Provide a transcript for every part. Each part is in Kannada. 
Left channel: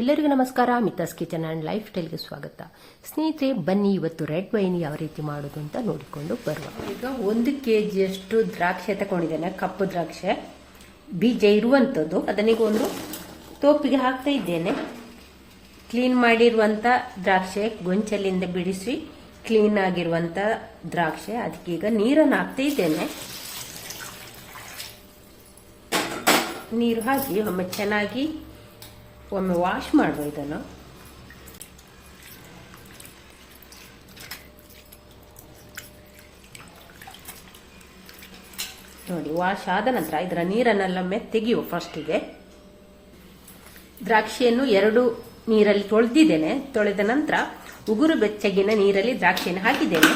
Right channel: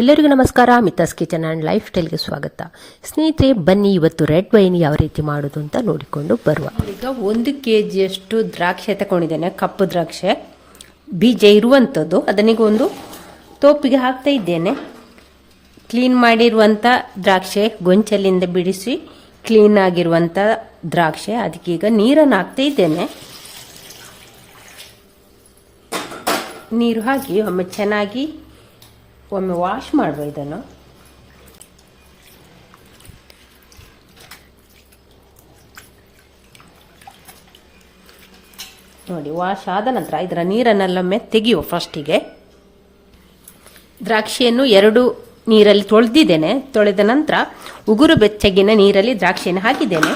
ಎಲ್ಲರಿಗೂ ನಮಸ್ಕಾರ. ಮಿತಾಸ್ ಕಿಚನ್ ಆ್ಯಂಡ್ ಲೈಫ್ ಸ್ಟೈಲ್ಗೆ ಸ್ವಾಗತ. ಸ್ನೇಹಿತರೆ, ಬನ್ನಿ ಇವತ್ತು ರೆಡ್ ವೈನ್ ಯಾವ ರೀತಿ ಮಾಡೋದು ಅಂತ ನೋಡಿಕೊಂಡು ಬರುವ. ಈಗ 1 kg ದ್ರಾಕ್ಷೆ ತಗೊಂಡಿದ್ದೇನೆ. ಕಪ್ಪು ದ್ರಾಕ್ಷೆ, ಬೀಜ ಇರುವಂಥದ್ದು. ಅದನ್ನೀಗ ಒಂದು ತೋಪಿಗೆ ಹಾಕ್ತಾ ಇದ್ದೇನೆ. ಕ್ಲೀನ್ ಮಾಡಿರುವಂಥ ದ್ರಾಕ್ಷೆ, ಗೊಂಚಲಿಂದ ಬಿಡಿಸಿ ಕ್ಲೀನ್ ಆಗಿರುವಂಥ ದ್ರಾಕ್ಷೆ. ಅದಕ್ಕೀಗ ನೀರನ್ನು ಹಾಕ್ತಾ ಇದ್ದೇನೆ. ನೀರು ಹಾಕಿ ಒಮ್ಮೆ ಚೆನ್ನಾಗಿ ವಾಶ್ ಮಾಡುವ ಇದನ್ನು. ನೋಡಿ, ವಾಶ್ ಆದ ನಂತರ ಇದರ ನೀರನ್ನೆಲ್ಲೊಮ್ಮೆ ತೆಗೆಯುವ. ಫಸ್ಟಿಗೆ ದ್ರಾಕ್ಷಿಯನ್ನು 2 ನೀರಲ್ಲಿ ತೊಳೆದಿದ್ದೇನೆ. ತೊಳೆದ ನಂತರ ಉಗುರು ಬೆಚ್ಚಗಿನ ನೀರಲ್ಲಿ ದ್ರಾಕ್ಷಿಯನ್ನು ಹಾಕಿದ್ದೇನೆ.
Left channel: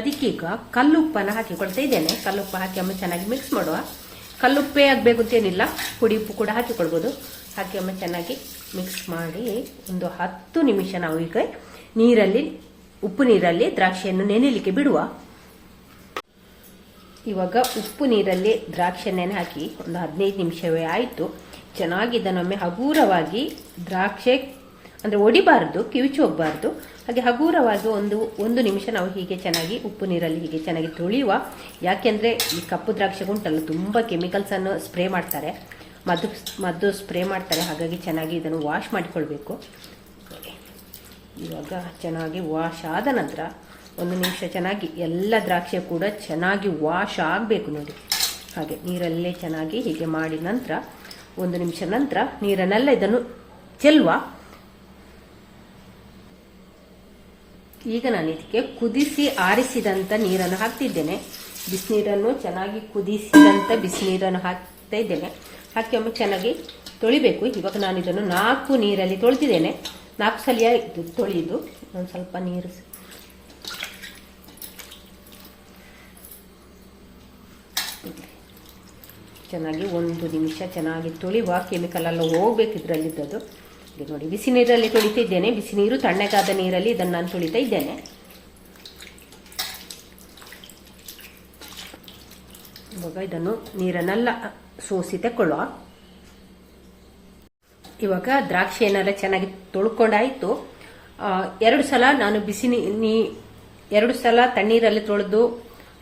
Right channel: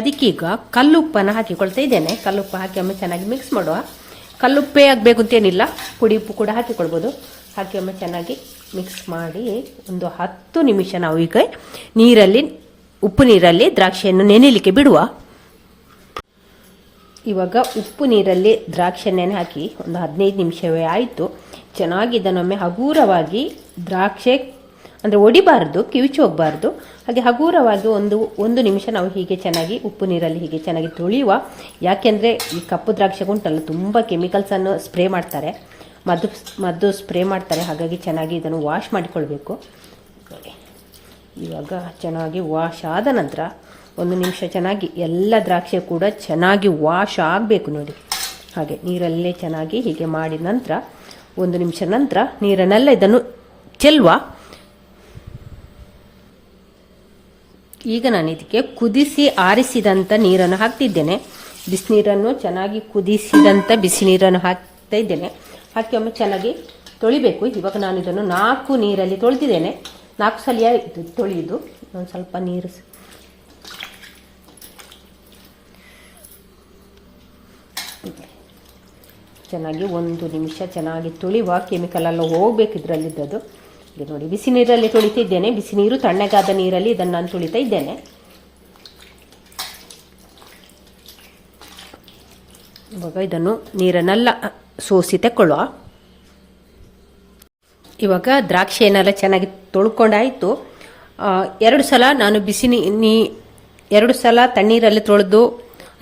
ಅದಕ್ಕೀಗ ಕಲ್ಲುಪ್ಪನ್ನು ಹಾಕಿಕೊಳ್ತಾ ಇದ್ದೇನೆ. ಕಲ್ಲುಪ್ಪು ಹಾಕಿ ಒಮ್ಮೆ ಚೆನ್ನಾಗಿ ಮಿಕ್ಸ್ ಮಾಡುವ. ಕಲ್ಲುಪ್ಪೇ ಆಗಬೇಕು ಅಂತೇನಿಲ್ಲ, ಪುಡಿ ಉಪ್ಪು ಕೂಡ ಹಾಕಿಕೊಳ್ಬೋದು. ಹಾಕಿ ಒಮ್ಮೆ ಚೆನ್ನಾಗಿ ಮಿಕ್ಸ್ ಮಾಡಿ ಒಂದು 10 ನಿಮಿಷ ನಾವು ಈಗ ಉಪ್ಪು ನೀರಲ್ಲಿ ದ್ರಾಕ್ಷಿಯನ್ನು ನೆನೆಯಲಿಕ್ಕೆ ಬಿಡುವ. ಇವಾಗ ಉಪ್ಪು ನೀರಲ್ಲಿ ದ್ರಾಕ್ಷಿ ನೆನೆ ಹಾಕಿ ಒಂದು 15 ನಿಮಿಷವೇ ಆಯಿತು. ಚೆನ್ನಾಗಿ ಇದನ್ನೊಮ್ಮೆ ಹಗೂರವಾಗಿ, ದ್ರಾಕ್ಷೆ ಅಂದರೆ ಒಡಿಬಾರ್ದು, ಕಿವಿಚಿ ಹೋಗಬಾರ್ದು, ಹಾಗೆ ಹಗೂರವಾಗಿ ಒಂದು ನಿಮಿಷ ನಾವು ಹೀಗೆ ಚೆನ್ನಾಗಿ ಉಪ್ಪು ನೀರಲ್ಲಿ ಹೀಗೆ ಚೆನ್ನಾಗಿ ತೊಳೆಯುವ. ಯಾಕೆಂದರೆ ಈ ಕಪ್ಪು ದ್ರಾಕ್ಷೆ ಉಂಟಲ್ಲ, ತುಂಬ ಕೆಮಿಕಲ್ಸನ್ನು ಸ್ಪ್ರೇ ಮಾಡ್ತಾರೆ, ಮದ್ದು ಸ್ಪ್ರೇ ಮಾಡ್ತಾರೆ. ಹಾಗಾಗಿ ಚೆನ್ನಾಗಿ ಇದನ್ನು ವಾಶ್ ಮಾಡಿಕೊಳ್ಬೇಕು. ಇವಾಗ ಚೆನ್ನಾಗಿ ವಾಶ್ ಆದ ನಂತರ 1 ನಿಮಿಷ ಚೆನ್ನಾಗಿ ಎಲ್ಲ ದ್ರಾಕ್ಷೆ ಕೂಡ ಚೆನ್ನಾಗಿ ವಾಶ್ ಆಗಬೇಕು. ನೋಡಿ, ಹಾಗೆ ನೀರಲ್ಲೇ ಚೆನ್ನಾಗಿ ಹೀಗೆ ಮಾಡಿದ ನಂತರ 1 ನಿಮಿಷ ನಂತರ ನೀರನ್ನೆಲ್ಲ ಇದನ್ನು ಚೆಲ್ಲುವ. ಈಗ ನಾನು ಇದಕ್ಕೆ ಕುದಿಸಿ ಆರಿಸಿದಂಥ ನೀರನ್ನು ಹಾಕ್ತಿದ್ದೇನೆ. ಬಿಸಿನೀರನ್ನು ಚೆನ್ನಾಗಿ ಕುದಿಸಿದಂಥ ಬಿಸಿ ನೀರನ್ನು ಹಾಕ್ತಾ ಇದ್ದೇನೆ. ಹಾಕಿ ಒಮ್ಮೆ ಚೆನ್ನಾಗಿ ತೊಳಿಬೇಕು. ಇವಾಗ ನಾನು ಇದನ್ನು 4 ನೀರಲ್ಲಿ ತೊಳೆದಿದ್ದೇನೆ. 4 ಸಲ ತೊಳೆಯುದು. ಒಂದು ಸ್ವಲ್ಪ ನೀರು ಚೆನ್ನಾಗಿ 1 ನಿಮಿಷ ಚೆನ್ನಾಗಿ ತೊಳೆಯುವ. ಕೆಮಿಕಲ್ ಎಲ್ಲ ಹೋಗ್ಬೇಕು ಇದರಲ್ಲಿದ್ದದ್ದು. ಇದು ನೋಡಿ, ಬಿಸಿ ನೀರಲ್ಲಿ ತೊಳಿತಾ ಇದ್ದೇನೆ. ಬಿಸಿ ನೀರು, ತಣ್ಣಗಾದ ನೀರಲ್ಲಿ ಇದನ್ನು ನಾನು ತೊಳಿತಾ ಇದ್ದೇನೆ. ಇವಾಗ ಇದನ್ನು ನೀರನ್ನೆಲ್ಲ ಸೋಸಿ ತಗೊಳ್ಳುವ. ಇವಾಗ ದ್ರಾಕ್ಷಿಯನ್ನೆಲ್ಲ ಚೆನ್ನಾಗಿ ತೊಳ್ಕೊಂಡಾಯಿತು. 2 ಸಲ ನಾನು 2 ಸಲ ತಣ್ಣೀರಲ್ಲಿ ತೊಳೆದು,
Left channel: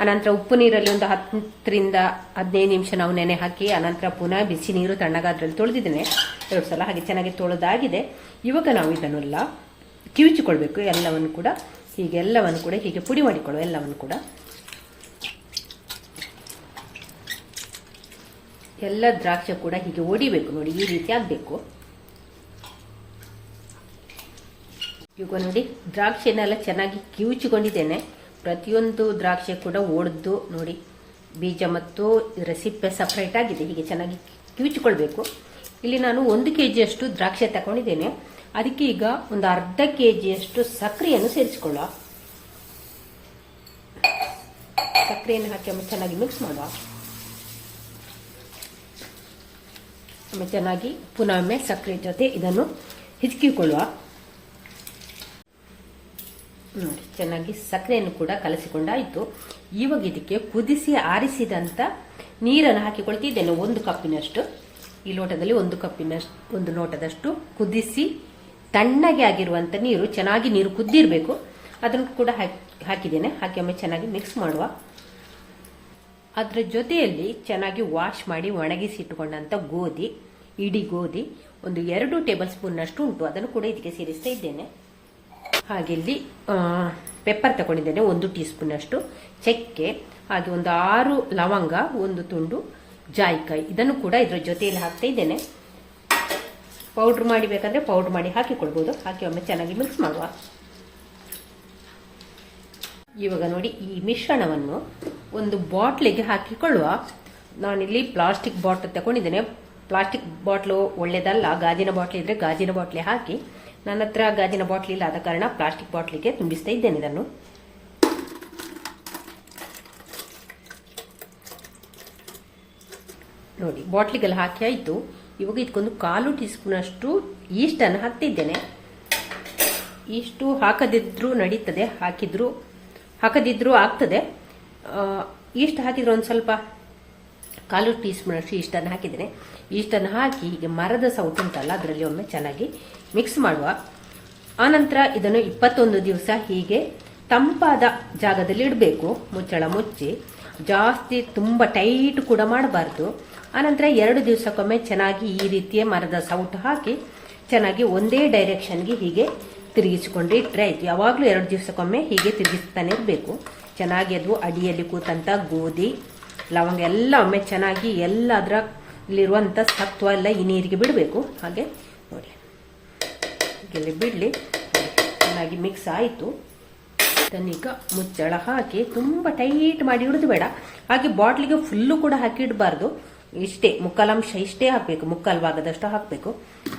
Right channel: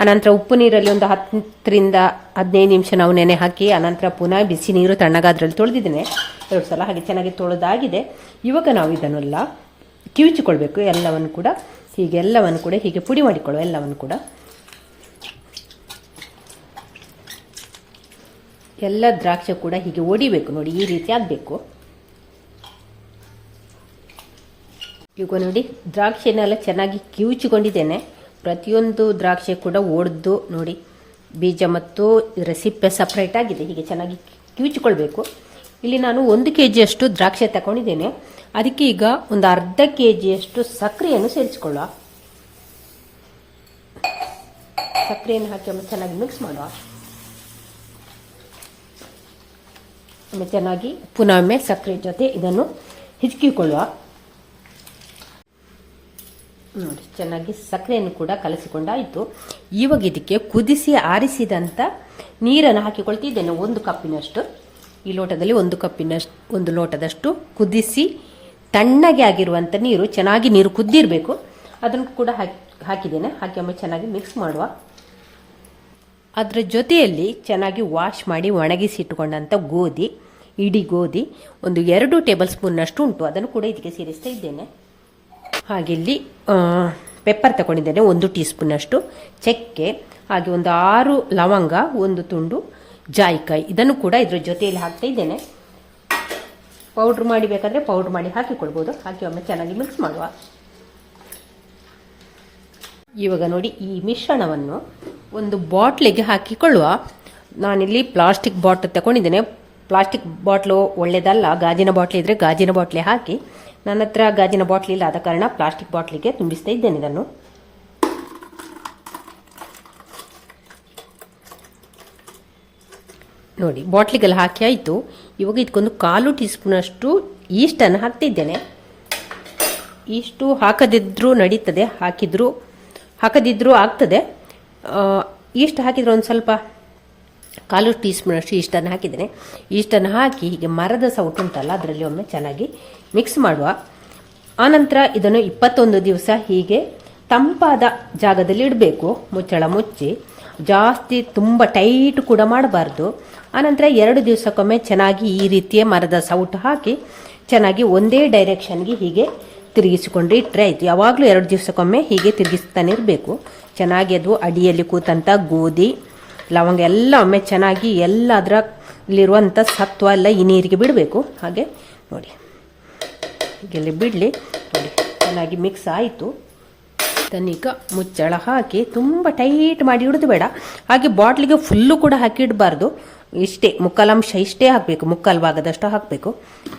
ಅನಂತರ ಉಪ್ಪು ನೀರಲ್ಲಿ ಒಂದು 10ರಿಂದ 15 ನಿಮಿಷ ನಾವು ನೆನೆ ಹಾಕಿ, ಅನಂತರ ಪುನಃ ಬಿಸಿ ನೀರು ತಣ್ಣಗಾದ್ರಲ್ಲಿ ತೊಳೆದಿದ್ದೇನೆ 2 ಸಲ. ಹಾಗೆ ಚೆನ್ನಾಗಿ ತೊಳೆದಾಗಿದೆ. ಇವಾಗ ನಾವು ಇದನ್ನೆಲ್ಲ ಕಿವುಚಿಕೊಳ್ಬೇಕು. ಎಲ್ಲವನ್ನು ಕೂಡ ಹೀಗೆ ಪುಡಿ ಮಾಡಿಕೊಳ್ಳುವ. ಎಲ್ಲವನ್ನು ಕೂಡ ಎಲ್ಲ ದ್ರಾಕ್ಷಿ ಕೂಡ ಹೀಗೆ ಒಡಿಬೇಕು. ನೋಡಿ, ಈ ರೀತಿ ಆಗಬೇಕು. ಈಗ ನೋಡಿ, ದ್ರಾಕ್ಷಿಯನ್ನೆಲ್ಲ ಚೆನ್ನಾಗಿ ಕಿವುಚಿಕೊಂಡಿದ್ದೇನೆ. ಪ್ರತಿಯೊಂದು ದ್ರಾಕ್ಷಿ ಕೂಡ ಒಡೆದು ನೋಡಿ, ಬೀಜ ಮತ್ತು ಇದರ ಸಿಪ್ಪೆ ಸಪ್ರೇಟ್ ಆಗಿದೆ. ಹೀಗೆ ಚೆನ್ನಾಗಿ ಕಿವುಚಿಕೊಳ್ಬೇಕು. ಇಲ್ಲಿ ನಾನು 1 kg ದ್ರಾಕ್ಷಿ ತಗೊಂಡಿದ್ದೇನೆ. ಅದಕ್ಕೆ ಈಗ ಒಂದು ಅರ್ಧ kg ಸಕ್ಕರೆಯನ್ನು ಸೇರಿಸಿಕೊಳ್ಳುವ. ಸಕ್ಕರೆಯನ್ನು ಹಾಕಿ ಒಮ್ಮೆ ಚೆನ್ನಾಗಿ ಮಿಕ್ಸ್ ಮಾಡುವ. ಒಮ್ಮೆ ಚೆನ್ನಾಗಿ ಪುನಃ ಒಮ್ಮೆ ಸಕ್ಕರೆ ಜೊತೆ ಇದನ್ನು ಹಿಚ್ಕಿಕೊಳ್ಳುವ. ನೋಡಿ, ಚೆನ್ನಾಗಿ ಸಕ್ಕರೆಯನ್ನು ಕೂಡ ಕಲಸಿಕೊಂಡಾಯಿತು. ಇವಾಗ ಇದಕ್ಕೆ ಕುದಿಸಿ ಆರಿಸಿದಂಥ ನೀರನ್ನು ಹಾಕಿಕೊಳ್ತಿದ್ದೇನೆ. 1 ಕಪ್ಪಿನಷ್ಟು. ಈ ಲೋಟದಲ್ಲಿ 1 ಲೋಟದಷ್ಟು ಕುದಿಸಿ ತಣ್ಣಗೆ ಆಗಿರುವಂಥ ನೀರು, ಚೆನ್ನಾಗಿ ನೀರು ಕುದ್ದಿರಬೇಕು. ಅದನ್ನು ಕೂಡ ಹಾಕಿದ್ದೇನೆ. ಹಾಕಿ ಒಮ್ಮೆ ಚೆನ್ನಾಗಿ ಮಿಕ್ಸ್ ಮಾಡುವ. ಅದರ ಜೊತೆಯಲ್ಲಿ ಚೆನ್ನಾಗಿ ವಾಶ್ ಮಾಡಿ ಒಣಗಿಸಿ ಇಟ್ಟುಕೊಂಡಂಥ ಇಡೀ ಗೋಧಿ ಒಂದು 2 ಟೇಬಲ್ ಸ್ಪೂನ್ನಷ್ಟು ಉಂಟು. ಅದನ್ನು ಕೂಡ ಇದಕ್ಕೆ ಸೇರಿಸ್ತಾ ಇದ್ದೇನೆ. ಹಾಗೆ ಇಲ್ಲಿ ಪೆಪ್ಪರ್ ತಗೊಂಡಿದ್ದೇನೆ, 1 ಟೀ ಸ್ಪೂನ್ನಷ್ಟು ಚಕ್ಕೆ, ಹಾಗೆ ಒಂದು 6 ಲವಂಗ, 1 ತುಂಡು ಜಾಯಿಕಾಯಿ. ಇದನ್ನು ಕೂಡ ಇದರ ಜೊತೆಯಲ್ಲಿ ಹಾಕ್ತಾ ಇದ್ದೇನೆ. ಪೌಡ್ರ್ ಮಾಡಿ ಬೇಕಾದರೆ ಪೌಡ್ರ್ ಮಾಡಿ ಹಾಕಿಕೊಳ್ಬೋದು. ಹಾಕಿ ಒಮ್ಮೆ ಚೆನ್ನಾಗಿ ಮಿಕ್ಸ್ ಮಾಡುವ. ಇವಾಗ ನೋಡಿ, ಈ ಮಿಶ್ರಣವನ್ನು ಒಂದು ಬಾಟ್ಲಿಗೆ ಹಾಕಿಕೊಳ್ಳುವ. ನಾನಿಲ್ಲಿ ಪ್ಲಾಸ್ಟಿಕ್ ಬಾಟ್ಲ್ ತಗೊಂಡಿದ್ದೇನೆ. ಪ್ಲಾಸ್ಟಿಕ್ ಬಾಟ್ಲು ಒಳ್ಳೆಯದಲ್ಲ. ಗಾಜಿನ ಬಾಟ್ಲಿ ಇದ್ದರೆ ಗಾಜಿನ ಬಾಟ್ಲಿ ಹಾಕಿ. ನನ್ನ ಹತ್ರ ಗಾಜಿನ ಬಾಟ್ಲಿ ಇಲ್ಲ, ಆದ ಕಾರಣ ಪ್ಲಾಸ್ಟಿಕ್ ಬಾಟ್ಲಿಗೆ ತುಂಬಿಸ್ತಾ ಇದ್ದೇನೆ ಇದನ್ನು. ನೋಡಿ, ಬಾಟ್ಲಿಗೆಲ್ಲ ಹಾಕಿ ಆಯಿತು. ಇವಾಗ ಇದಕ್ಕೊಂದು 1/4 ಟೀ ಸ್ಪೂನಷ್ಟು ಈಸ್ಟನ್ನು ಹಾಕ್ತಿದ್ದೇನೆ. ಈಸ್ಟು ಹಾಕದಿದ್ರೂ ನಡೀತದೆ, ಹಾಕದಿದ್ರೂ ಆಗ್ತದೆ. ಈಸ್ಟ್ ಹಾಕಿದರೆ ಒಂದು ಸ್ವಲ್ಪ ಕಾಲು ಟೀ ಸ್ಪೂನ್ ಅಷ್ಟು ಈಸ್ಟನ್ನು ಹಾಕಿದ್ದೇನೆ. ಈಸ್ಟನ್ನು ಹಾಕಿ ಹೀಗೆ ಮರದ ಸೌಟು ಉಂಟಲ್ಲ ಅದರಲ್ಲಿ ಒಮ್ಮೆ ಚೆನ್ನಾಗಿ ಮಿಕ್ಸ್ ಮಾಡುವ. ಆನಂತರ ಇದನ್ನು 21 ದಿವಸ ಹೀಗೆ ತಂಪಾದ ಜಾಗದಲ್ಲಿ ಇಡಬೇಕು. ಮುಚ್ಚಳ ಮುಚ್ಚಿ ಜಾಸ್ತಿ ತುಂಬ ಟೈಟ್ ಕೂಡ ಮಾಡಬಾರ್ದು. ಆನಂತರ 2 ದಿವಸಕ್ಕೊಮ್ಮೆ ಚೆನ್ನಾಗಿ ಈ ರೀತಿಯ ಮರದ ಸೌಟು ಹಾಕಿ ಚೆನ್ನಾಗಿ ಒಂದೇ ಡೈರೆಕ್ಷನ್ಗೆ ಹೀಗೆ ತಿರುಗಿಸಿಕೊಂಡು ಇಟ್ಟರೆ ಆಯಿತು. ಯಾವಾಗಲೂ 2 ದಿವಸಕ್ಕೊಮ್ಮೆ ಹೀಗೆ ತಿರುಗಿಸ್ತಾನೆ ಇರಬೇಕು. ಚೆನ್ನಾಗಿ ಅದು ಅಡಿಯಲ್ಲಿ ಕೂತಂಥ ಗೋಧಿ ಲವಂಗ ಎಲ್ಲ ಒಮ್ಮೆ ಚೆನ್ನಾಗಿ ಎಲ್ಲ ಅದರಲ್ಲಿರುವಂಥ ಸತ್ವ ಎಲ್ಲ ಈ ನೀರಿಗೆ ಬಿಡಬೇಕು. ಹಾಗೆ ನೋಡಿ ಹೀಗೆಲ್ಲ ಬಿಡಲಿ. ಚೆನ್ನಾಗಿ ಮಿಕ್ಸ್ ಆಯಿತು. ಇದನ್ನೀಗ ಮುಚ್ಚಳ ಹಾಕಿ ತುಂಬ ಟೈಟ್ ಮಾಡಿ ಇಡೋದು ಬೇಡ. ಹಾಗೆ ಬಾಟ್ಲಿಗೆ ಫುಲ್ಲು ಕೂಡ ಹಾಕಿ ಇಡಬಾರ್ದು. ಇಷ್ಟೇ ಮುಕ್ಕಾಲಂಶ ಇಷ್ಟೇ ಹಾಕಬೇಕು, ಮುಕ್ಕಾಲು ಭಾಗದಷ್ಟು ಹಾಕಬೇಕು.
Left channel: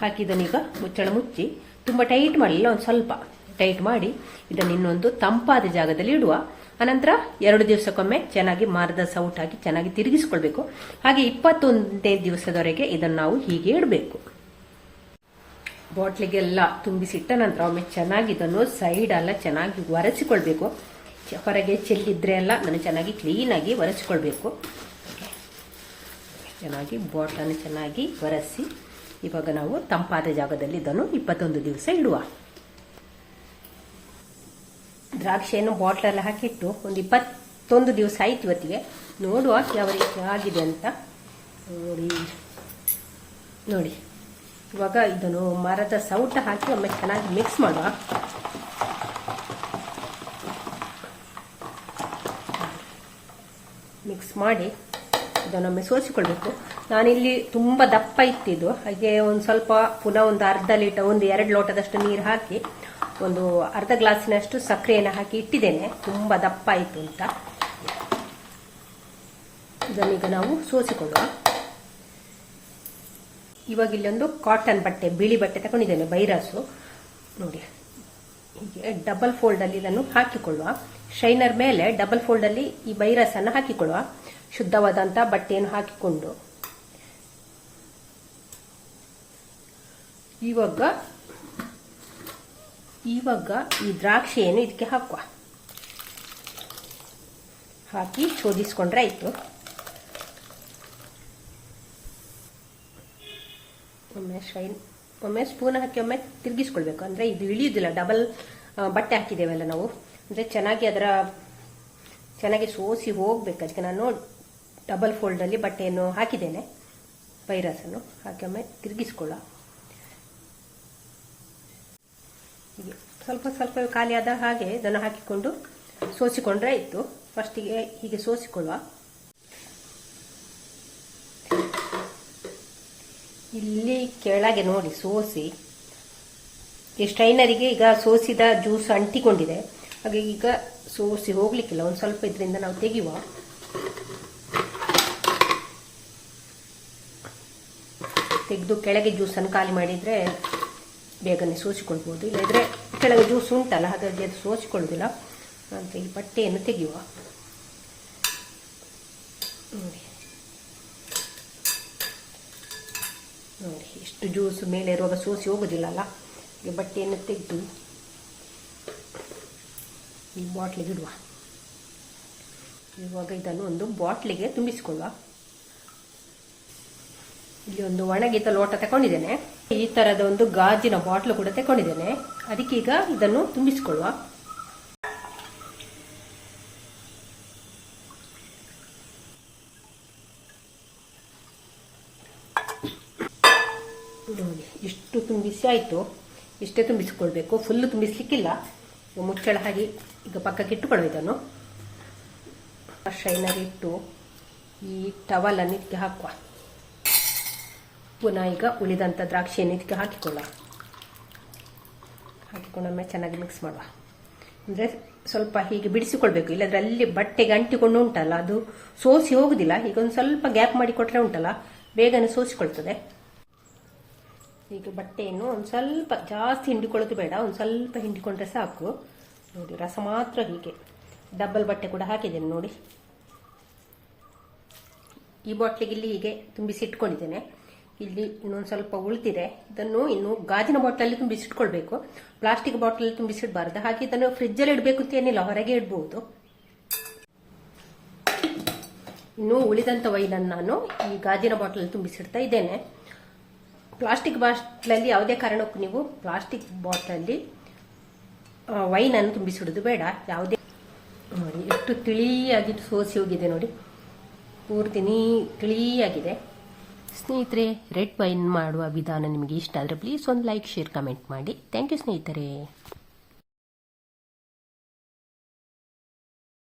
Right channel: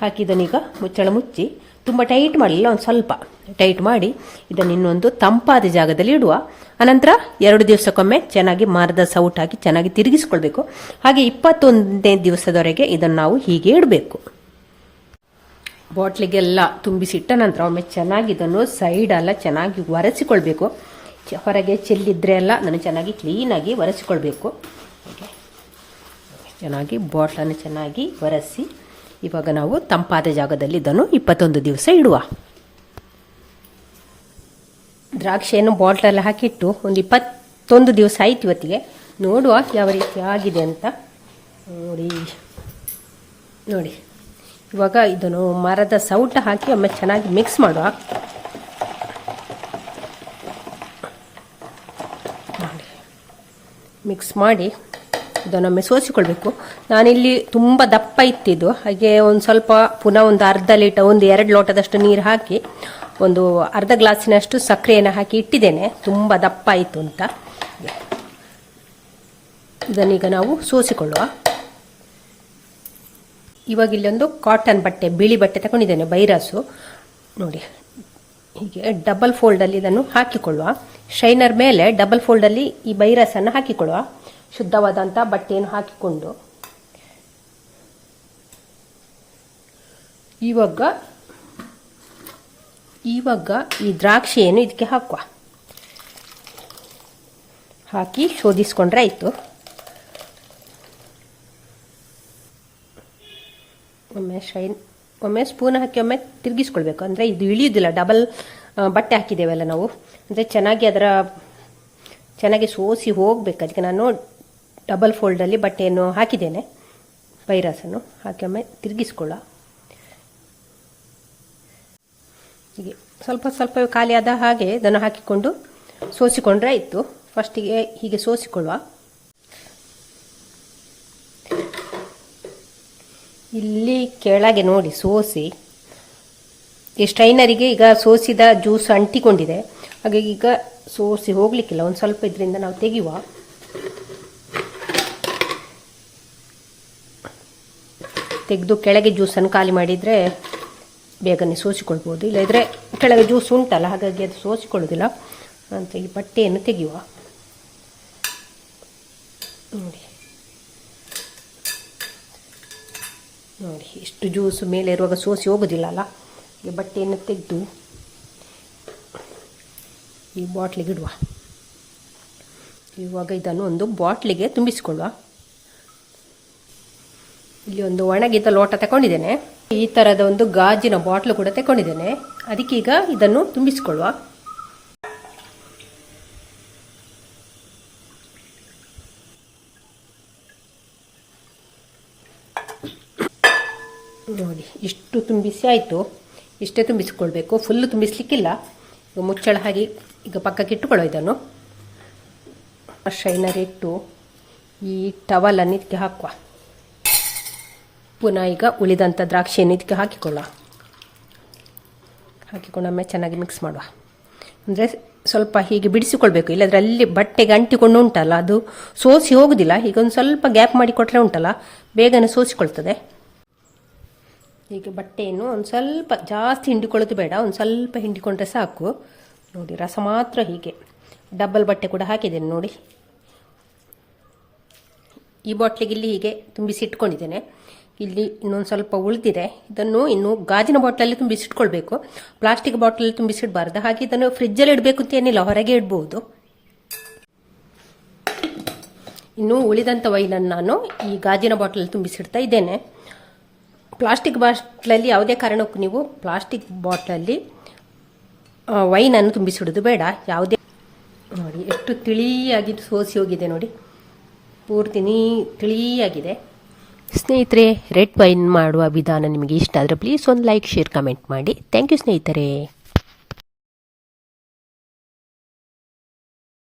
ಹಾಕಿದನೀಗ ಮುಚ್ಚಳ ಮುಚ್ಚಿ ತುಂಬ ಟೈಟ್ ಮಾಡಲಿಲ್ಲ, ಒಂದು ಸ್ವಲ್ಪ ಟೈಟ್ ಮಾಡಿ ಇದನ್ನು ಇನ್ನೊಂದು ತಂಪಾದ ಜಾಗದಲ್ಲಿ ಇಡುವ. ಅನಂತರ 2 ದಿವಸಕ್ಕೊಮ್ಮೆ ಚೆನ್ನಾಗಿ ಮರದ ಸೌಟ್ ಹಾಕಿ ಚೆನ್ನಾಗಿ ತಿರುಗಿಸ್ಕೊಳ್ಬೇಕು. ಹಾಗೆ 21ನೇ ದಿವಸದವರೆಗೆ ಇದನ್ನು ನಾವು ಹೀಗೆ ಇಡಬೇಕು. ಬಾಟ್ಲಿಗೆಲ್ಲ ತುಂಬಿಸಿಟ್ಟ ನಂತರ ಒಮ್ಮೆ ಚೆನ್ನಾಗಿ ಇದನ್ನು ಸೈಡೆಲ್ಲ ಚೆನ್ನಾಗಿ ಒರೆಸಿಕೊಳ್ಬೇಕು. ಹೊರಗೆ ಚೆಲ್ಲಿದ್ರೆ ಎಲ್ಲ ನಾನು ಚೆನ್ನಾಗಿ ಕ್ಲೀನಾಗಿ ಒರೆಸಿಕೊಳ್ಬೇಕು. ಚೆನ್ನಾಗಿ ಬಾಟ್ಲನ್ನು ಚೆನ್ನಾಗಿ ಒರೆಸಿ ಇವಾಗ ನಾವು ತಂಪಾದ ಜಾಗದಲ್ಲಿ ಇದನ್ನು 21 ದಿವಸ ಇಡುವ. ದ್ರಾಕ್ಷಿಯನ್ನು ಬಾಟ್ಲಲ್ಲಿ ಹಾಕಿಟ್ಟು ಒಂದು 21 ದಿವಸ ಆಯ್ತು. ಇವತ್ತಿಗೆ ನೋಡುವ ಯಾವ ರೀತಿ ಆಗಿದೆ ಅಂತ. ನೋಡಿ ಇವಾಗ ಇದನ್ನು ಮರದ ಸೌಟ ಹಾಕಿ ಒಮ್ಮೆ ಚೆನ್ನಾಗಿ ಮಿಕ್ಸ್ ಮಾಡುವ. ಮಿಕ್ಸ್ ಮಾಡಿ ಇದನ್ನೊಮ್ಮೆ ಸೋಸಿಕೊಳ್ಬೇಕು. ನಾನಿಲ್ಲಿ ತುಂಬ ದಪ್ಪ ಇತ್ತಿದ್ದು, ಹಾಗೆ ಒಂದು ಸ್ವಲ್ಪ ಪುನಃ ಒಂದು ಅರ್ಧ ಲೀಟರ್ 1-2 ಲೋಟದಷ್ಟು ನೀರು ಹಾಕಿ ಒಂದು ಅರ್ಧ ಗ್ಲಾಸಿನಷ್ಟು ಸಕ್ಕರೆಯನ್ನು ಹಾಕಿ ಇಟ್ಟಿದ್ದೇನೆ. ತುಂಬ ದಪ್ಪ ಆಯಿತು ಅಂತ. ಇದನ್ನೀಗ ನಾವು ಸೋಸಿಕೊಳ್ಳುವ. ಇವಾಗ ಇಲ್ಲೊಂದು ಕಾಟನ್ ಬಟ್ಟೆ, ಬಿಳಿ ಬಟ್ಟೆ ತಗೊಂಡಿದ್ದೇನೆ, ಬೈರಾಸು. ನೋಡಿ ಹೀಗೆ ಡಬಲ್ ಫೋಲ್ಡಲ್ಲಿ ಇದನ್ನು ಹಾಕಿಕೊಳ್ಳುವ. ಶೈನರ್ ಮೇಲೆ ಡಬಲ್ ಫೋಲ್ಡಲ್ಲಿ ಈ ಬೈರಾಸನ್ನು ಹಾಕಿಕೊಳ್ಳುವ. ಶುದ್ಧವಾದಂಥ ಬಟ್ಟೆಯನ್ನು ಹಾಕಿಕೊಂಡು ಇವಾಗ ಈ ದ್ರಾಕ್ಷಿಯನ್ನು ಇದಕ್ಕೆ ಹಾಕುವ. ಹಾಕಿ ಶೋಧಿಸ್ಕೊಂಡ್ರೆ ಆಯಿತು. ಒಮ್ಮೆ ಸ್ಪೂನ್ ಹಾಕಿ ಒಮ್ಮೆ ತಿರುಗಿಸ್ಕೊಳ್ಬೇಕು. ಅಂದರೆ ಇದು ಇಳಿಯುವುದಿಲ್ಲ, ಡಬಲ್ ಬಟ್ಟೆ ಹಾಕಿದ್ದೇವಲ್ಲ ನಾವು, ಅಂದರೆ ಚೆನ್ನಾಗಿ ಸೋಸಿ ಹೋಗ್ಬೇಕು. ಅದಕ್ಕೆ ನಾನು ಡಬಲ್ ಫೋಲ್ಡಲ್ಲಿ ಬಟ್ಟೆಯನ್ನು ಹಾಕಿದ್ದೇನೆ, ಬೈರಾಸನ್ನು ಹಾಕಿ ಒಮ್ಮೆ ತಿರುಗಿಸ್ಕೊಳ್ಳ. ಹೀಗೆ ಸ್ವಲ್ಪ ಸ್ವಲ್ಪ ಖಾಲಿ ಆದ ಹಾಗೆ ಇದನ್ನು ಹಾಕಿಕೊಂಡು ಸೋಸಿಕೊಂಡ್ರೆ ಆಯಿತು. ಫಸ್ಟಿಗೆ ಹೀಗೆ ಸೋಸಿಕೊಳ್ಳುವ. ಇಲ್ಲಿ ಕೆಳಗೆ ನೋಡಿ ಸೋಸಿ, ಈ ಸ್ಟ್ರೈನರಿಗೆ ಈಗ ಸೋಸಿದ ಜ್ಯೂಸ್ ಅಂಟಿಕೊಂಡಿದೆ. ಹಾಗೆ ಈಗ ಸೋಸಿ ಹೋಗ್ಲಿಕ್ಕಿಲ್ಲ, ಒಂದು ಸ್ವಲ್ಪ ಇದರಿಂದ ನಾವು ತೆಗೆಯುವ. ತೆಗೆದು ಕೆಳಗೆ ಜ್ಯೂಸನ್ನು ಖಾಲಿ ಮಾಡಿದರೆ ಬೇಗನೆ ಸೋಸಿಕೊಳ್ಬೋದು. ಇಲ್ಲದಿದ್ದರೆ ಕೆಳಗೆ ಜ್ಯೂಸ್ ಉಂಟಲ್ಲ, ಹಾಗಾಗಿ ಅದು ಸೋಸಿಕೊಳ್ಳೋದಿಲ್ಲ ಅಂತ ಈ ಬಟ್ಟೆಯನ್ನು ತೆಗೆಯುವ. ನೋಡಿ ಇಷ್ಟು ಜ್ಯೂಸ್ ಮೇಲೆ ಇರುವಾಗ ಸೋಸಿ ಹೋಗೋದಿಲ್ಲ ಅಲ್ಲ. ಈ ಬಟ್ಟೆಯನ್ನು ತೆಗೆದು ಈ ಬಾಟ್ಲಿಗೆ ಇಡುವ. ಇವಾಗ ಇದನ್ನು ಒಂದು ಬಾಟ್ಲಿಗೆ ತುಂಬಿಸಿಕೊಳ್ಳುವ. ಇಲ್ಲಿ ಒಂದು ಒಣಗಿದ ಲೋಟ ತಗೊಂಡಿದ್ದೇನೆ. ಈ ಥರದ ಒಂದು ಗಾಜಿನ ಬಾಟ್ಲು ಕೂಡ ತಗೊಂಡಿದ್ದೇನೆ. ಅದಕ್ಕೀಗ ಇದನ್ನು ತುಂಬಿಸಿಕೊಳ್ಳುವ. ನೋಡಿ ಇಷ್ಟು ತುಂಬಿಸಿ ಆಯಿತು. ಇಷ್ಟೇ ತುಂಬಿಸಿಕೊಳ್ಬೇಕು, ಫುಲ್ಲು ತುಂಬಿಸ್ಲಿಕ್ಕಿಲ್ಲ. ಮುಚ್ಚಳ ಹಾಗೆ ಈಗ ಪಕ್ಕಕ್ಕೆ ಇಟ್ಟುಕೊಳ್ಳೋ. ಇದನ್ನು ಶೈನರ್ ಇಟ್ಟು ಈ ಟವಲನ್ನು ಇದಕ್ಕೆ ಹಾಕುವ. ಪುನಃ ಈಗ ಉಳಿದಂಥ ದ್ರಾಕ್ಷಿಯನ್ನು ಇದಕ್ಕೆ ಹಾಕಿಕೊಳ್ಳ. ಹಾಕಿಕೊಂಡೊಮ್ಮೆ ಚೆನ್ನಾಗಿ ಮಿಕ್ಸ್ ಮಾಡುವ. ಅಂದರೆ ಸ್ವಲ್ಪ ಹೀಗೆ ಬಿಡಿಸಿಕೊಳ್ಬೇಕು, ಇಲ್ಲಾಂದರೆ ಅಲ್ಲಿ ಬಟ್ಟೆಗೆ ಅಂಟಿಕೊಂಡು ಉಂಟಲ್ಲ ಅದು ಸೋಸಿ ಹೋಗೋದಿಲ್ಲ. ಈಗ ಒಂದು ಸ್ವಲ್ಪ ಗ್ಯಾಪ್ ಮಾಡಿ ಕೊಟ್ಟರೆ ಉಂಟಲ್ಲ ಬೇಗನೆ ಸೋಸಿಕೊಳ್ತದೆ. ಹೀಗೆ ಬಟ್ಟೆಯನ್ನು ಒಂದು ಸ್ವಲ್ಪ ಜಾಸ್ತಿ ಹಿಂಡಿಕೊಳ್ಳೋದು ಬೇಡ, ಒಂದು ಸ್ವಲ್ಪ ಹಿಂಡಿಕೊಂಡ್ರೆ ಸಾಕು. ನೋಡಿ ರಸ ಮಾತ್ರ ಹೀಗೆ. ಡಬಲ್ ಬಟ್ಟೆ ಕೂಡ ಹಾಕಿದ್ದೇನೆ ನೋಡಿ. ಈ ಬಾಟ್ಲಿಗೆ ಇಲ್ಲಿ ಹೀಗೆ ತುಂಬಿಸಿ ಇಟ್ಕೊಂಡಿದ್ದೇನೆ. ಇಲ್ಲಿ ಇನ್ನೊಂದು ಸ್ವಲ್ಪ ಉಳಿದಿದೆ. ಇದನ್ನು ಇನ್ನು ಗಾಜಿನ ಬಾಟ್ಲಲ್ಲಿ ತುಂಬಿಸಿಟ್ಕೊಳ್ಬೇಕು, ಪ್ಲಾಸ್ಟಿಕ್ ಬಾಟ್ಲಲ್ಲಿ ತುಂಬಿಸಿಡಬಾರ್ದು. ಹಾಗೆ ಇದನ್ನು ಫ್ರಿಜ್ಜಲ್ಲಿ ಇಡಬೇಕು ಅಂತ ಏನಿಲ್ಲ, ಹೊರಗೆ ಇಡ್ಬೋದು. ಇನ್ನು ಉಳಿದಂಥ ವೈನನ್ನು ನಾನು ಈ ಗಾಜಿನ ಬಾಟಲಲ್ಲಿ ತುಂಬಿಸಿಡ್ತಾ ಇದ್ದೇನೆ. ಪ್ಲಾಸ್ಟಿಕ್ ಬಾಟ್ಲಲ್ಲಿ ಯಾವುದೇ ಕಾರಣಕ್ಕೂ ನೀವು ಪ್ಲಾಸ್ಟಿಕ್ ಬಾಟ್ಲಲ್ಲಿ ವೈನನ್ನು ತುಂಬಿಸಿಡೋದು ಬೇಡ. ಯಾವುದೇ ನೋಡಿ ಎಷ್ಟು ತಿಳಿಯಾಗಿ ಸೋಸಿ ಹೋಗಿದೆ ನೋಡಿ, ಪೂರ್ತಿ ತಿಳಿಯಾಗಿದೆ. ಸ್ನೇಹಿತರೆ, ರೆಡ್ ವೈನ್ ಮಾಡುವ ವಿಧಾನ ನಿಮಗೆ ಇಷ್ಟ ಆದರೆ ಪ್ಲೀಸ್ ಒಂದು ಲೈಕ್, ಶೇರ್, ಕಮೆಂಟ್ ಮಾಡಿ. ಥ್ಯಾಂಕ್ ಯು ಸ್ನೇಹಿತರೆ.